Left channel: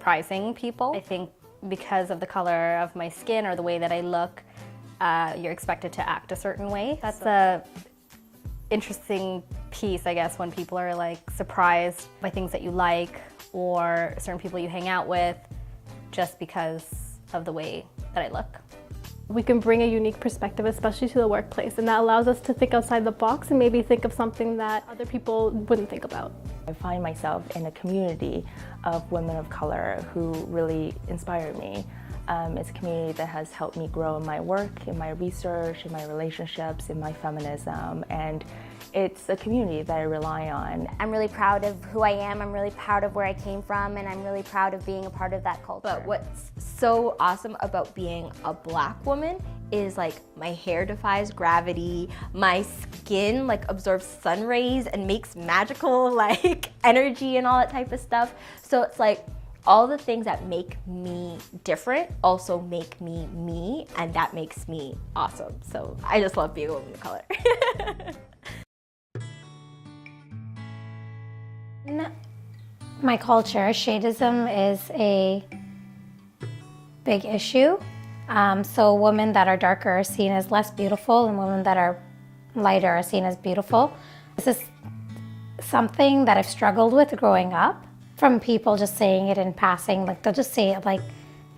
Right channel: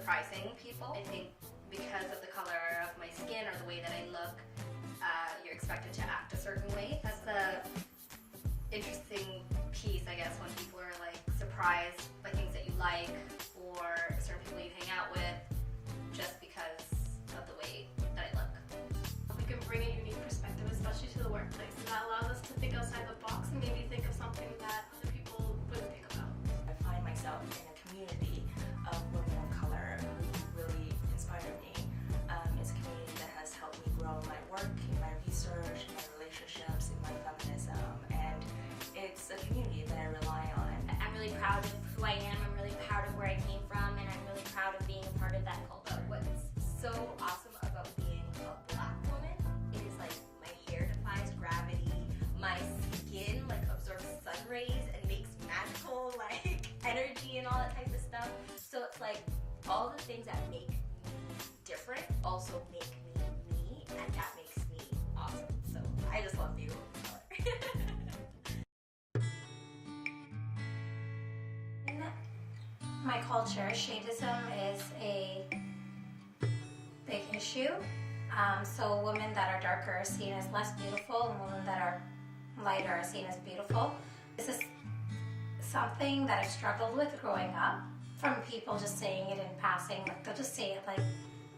surprising people. I think because of the color of my skin or the way that I look, you're expected to act a certain way. That's the interesting piece, I guess, when people are like surprised by things that you like or certain people you hang out with just because of the way that I look. We can bring a unique perspective, especially to the workplace, and that allows us to think outside the box and maybe think of something that other people wouldn't think about. I find myself in a community of women of color who really inspire me. It's a community that has helped me grow in my work, in my research, in my relationships, in my feminism, and it's a community that I rely on. I'm really proud of who I am, I'm really proud of where I came from, and I'm really proud of being a part of that culture. But what's so awesome about being a Black woman is like my hair defies gravity, my skin like absorbs sun rays and makes magical like energy and all that type of stuff. So it's like all the things that make me different also make me me, and that makes me awesome. So I just love being a woman of color. In my culture, shadeism is a big issue. So women that are darker are seen as less beautiful and women that are lighter are seen as beautiful. This is something that I've struggled with growing up, from people just saying it in passing. Like they'll just say it like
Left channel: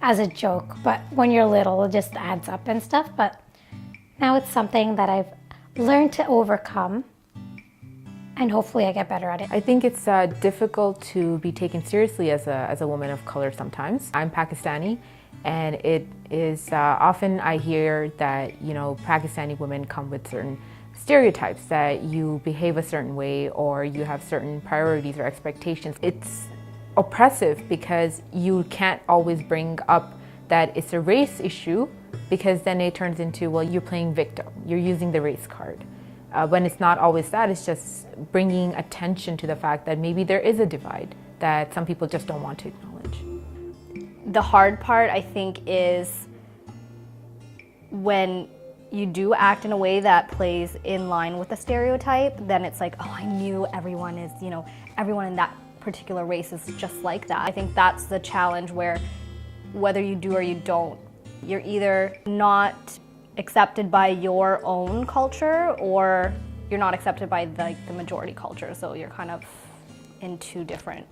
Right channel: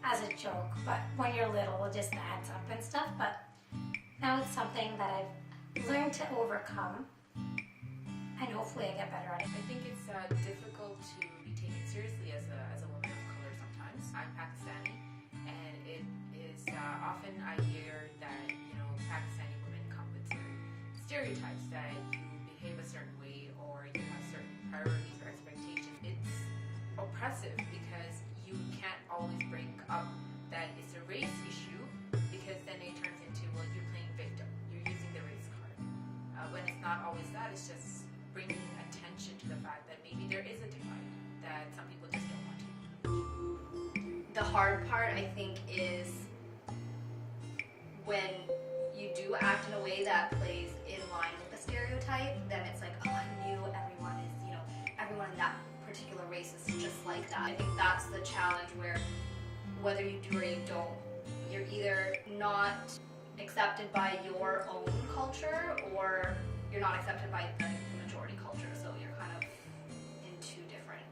as a joke, but when you're little it just adds up and stuff. But now it's something that I've learned to overcome, and hopefully I get better at it. I think it's difficult to be taken seriously as a woman of color sometimes. I'm Pakistani, and it is often I hear that, you know, Pakistani women come with certain stereotypes, that you behave a certain way or you have certain priorities or expectations. It's oppressive because you can't always bring up that it's a race issue, because then it turns into, well, you're playing victim, you're using the race card. When it's not always that, it's just bringing attention to the fact that maybe there is a divide that some people just don't want to acknowledge. The hard part, I think, is when you do act in a way that plays in line with the stereotype, then it's like, oh, I knew everyone is, you know, everyone in that particular race is just like that. I think that's the challenge, where whether you do or you don't, you're either not accepted by your own culture or you're not accepted by the majority culture. So you're kind of in two different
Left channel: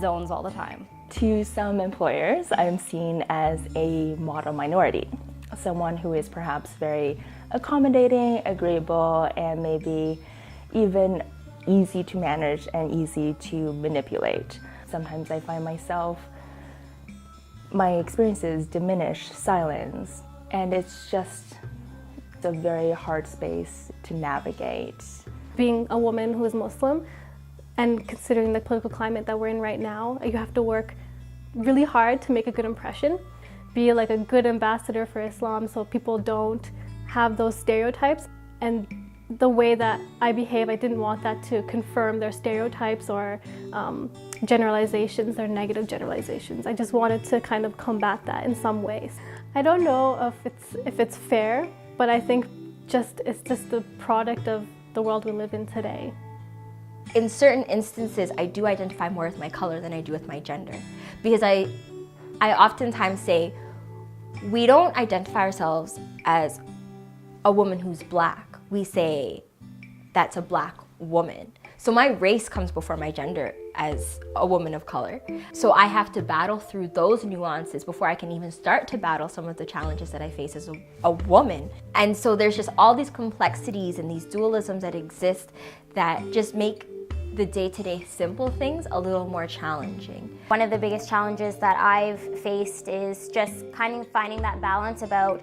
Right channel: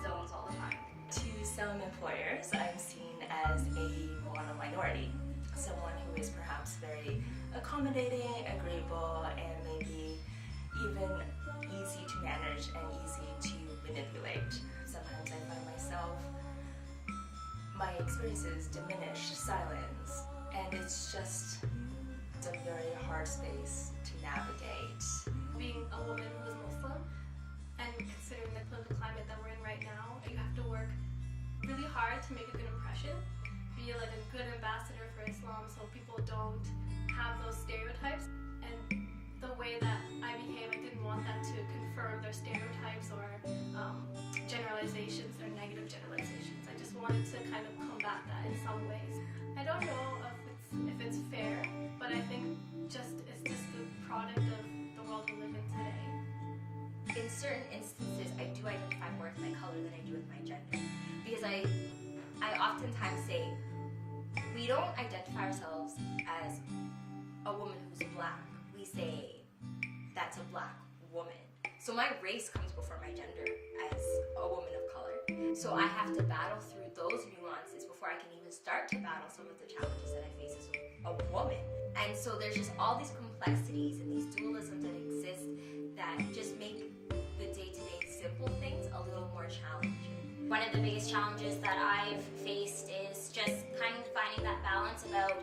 zones all the time. To some employers, I'm seen as a model minority, someone who is perhaps very accommodating, agreeable, and maybe even easy to manage and easy to manipulate. Sometimes I find myself, my experiences diminish, silence, and it's just a very hard space to navigate. Being a woman who is Muslim, and considering the political climate that we're in right now, you have to work really hard to make a good impression, be like a good ambassador for Islam so people don't have those stereotypes. And the way that I behave, I didn't want that to confirm their stereotypes or generalizations, their negative generalizations. I just wanted to kind of combat that in some ways. I don't know if it's fair, but I think it's just the product of the world we live in today. In certain instances, I do identify more with my color than I do with my gender, because I oftentimes say we don't identify ourselves as a woman who's Black. We say that's a Black woman. So my race comes before my gender as a woman of color. So I have to battle through those nuances before I can even start to battle some of the challenges that I face as a woman. And so there's just all these complexities and these dualisms that exist that just make the day-to-day simple things a little more challenging. One of the biggest challenges that I've faced is just kind of finding that balance about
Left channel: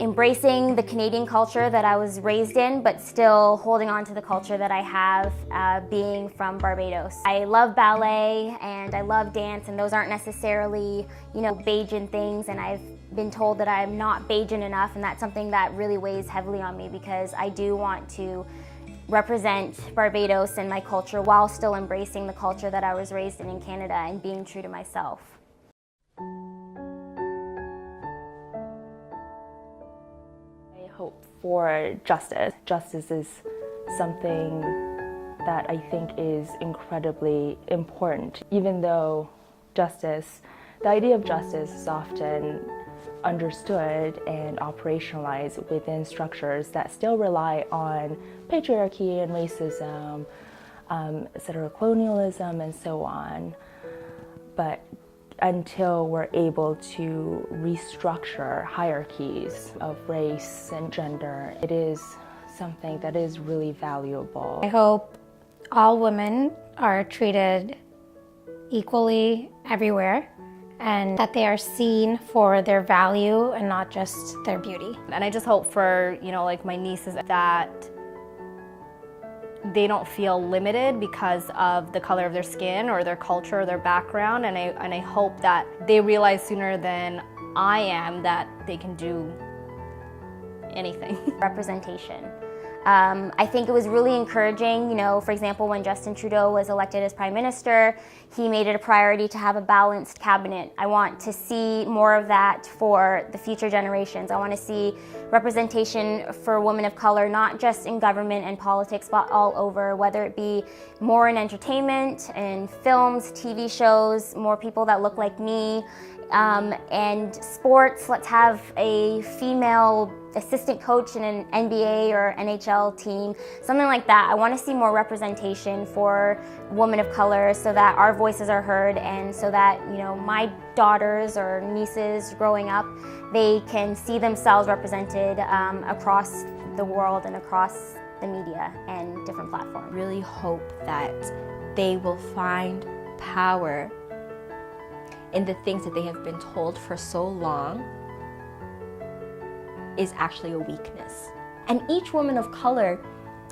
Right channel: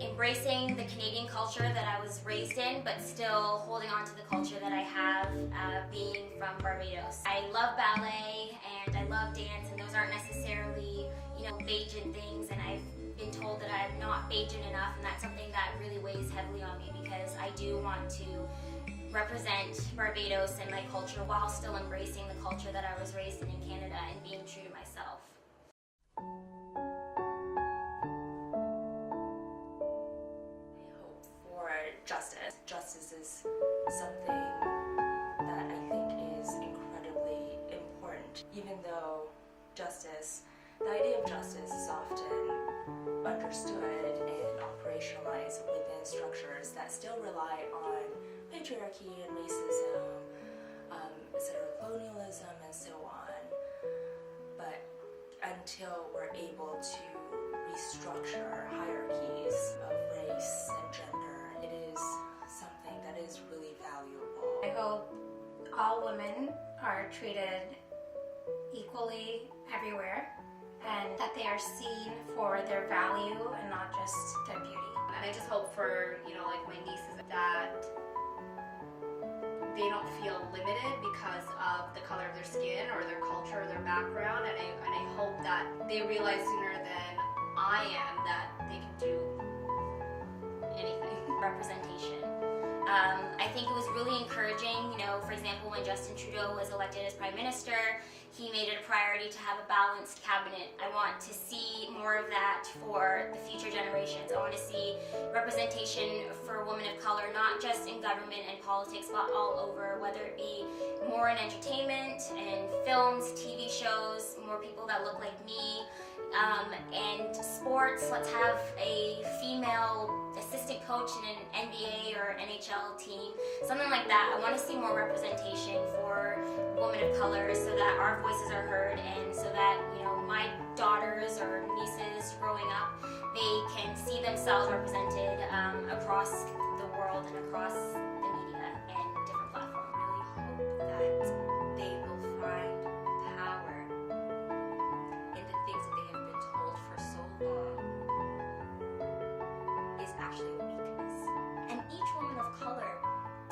embracing the Canadian culture that I was raised in, but still holding on to the culture that I have being from Barbados. I love ballet and I love dance, and those aren't necessarily, you know, Bajan things, and I've been told that I'm not Bajan enough, and that's something that really weighs heavily on me, because I do want to represent Barbados and my culture while still embracing the culture that I was raised in Canada and being true to myself. For justice. Justice is something that I think is incredibly important. Even though justice, the idea of justice is often understood and operationalized within structures that still rely on patriarchy and racism, colonialism, and so on. But until we're able to restructure hierarchies of race and gender, it is something that is really valuable. I hope all women are treated equally everywhere, and that they are seen for their value and not just their beauty. And I just hope for, like my nieces, that they don't feel limited because of the color of their skin or their culture or their background. And I hope that they realize sooner than I am that they can do anything. Representation. I think it was really encouraging, for example, when Justin Trudeau was elected as Prime Minister, he made it a priority to have a balanced cabinet. I want to see more of that for the future generations. I want to see representation for women of color, not just in government and politics, but all over, whether it be more in entertainment, in films, TV shows, more people that look like me. And sports, let's have a female assistant coach in an NBA or NHL team, something like that. I want to see more representation for women of color so that our voices are heard, and so that, my daughters or nieces growing up, they can see themselves represented across the world and across the media and different platforms. Really hope that they will find power in the things that they have been told for so long is actually a weakness. And each woman of color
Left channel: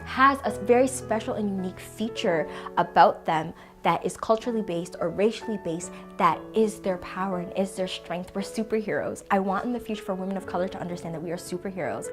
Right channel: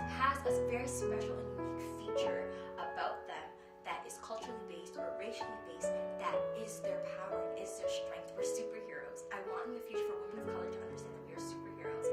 has a very special and unique feature about them that is culturally based or racially based, that is their power and is their strength. We're superheroes. I want in the future for women of color to understand that we are superheroes.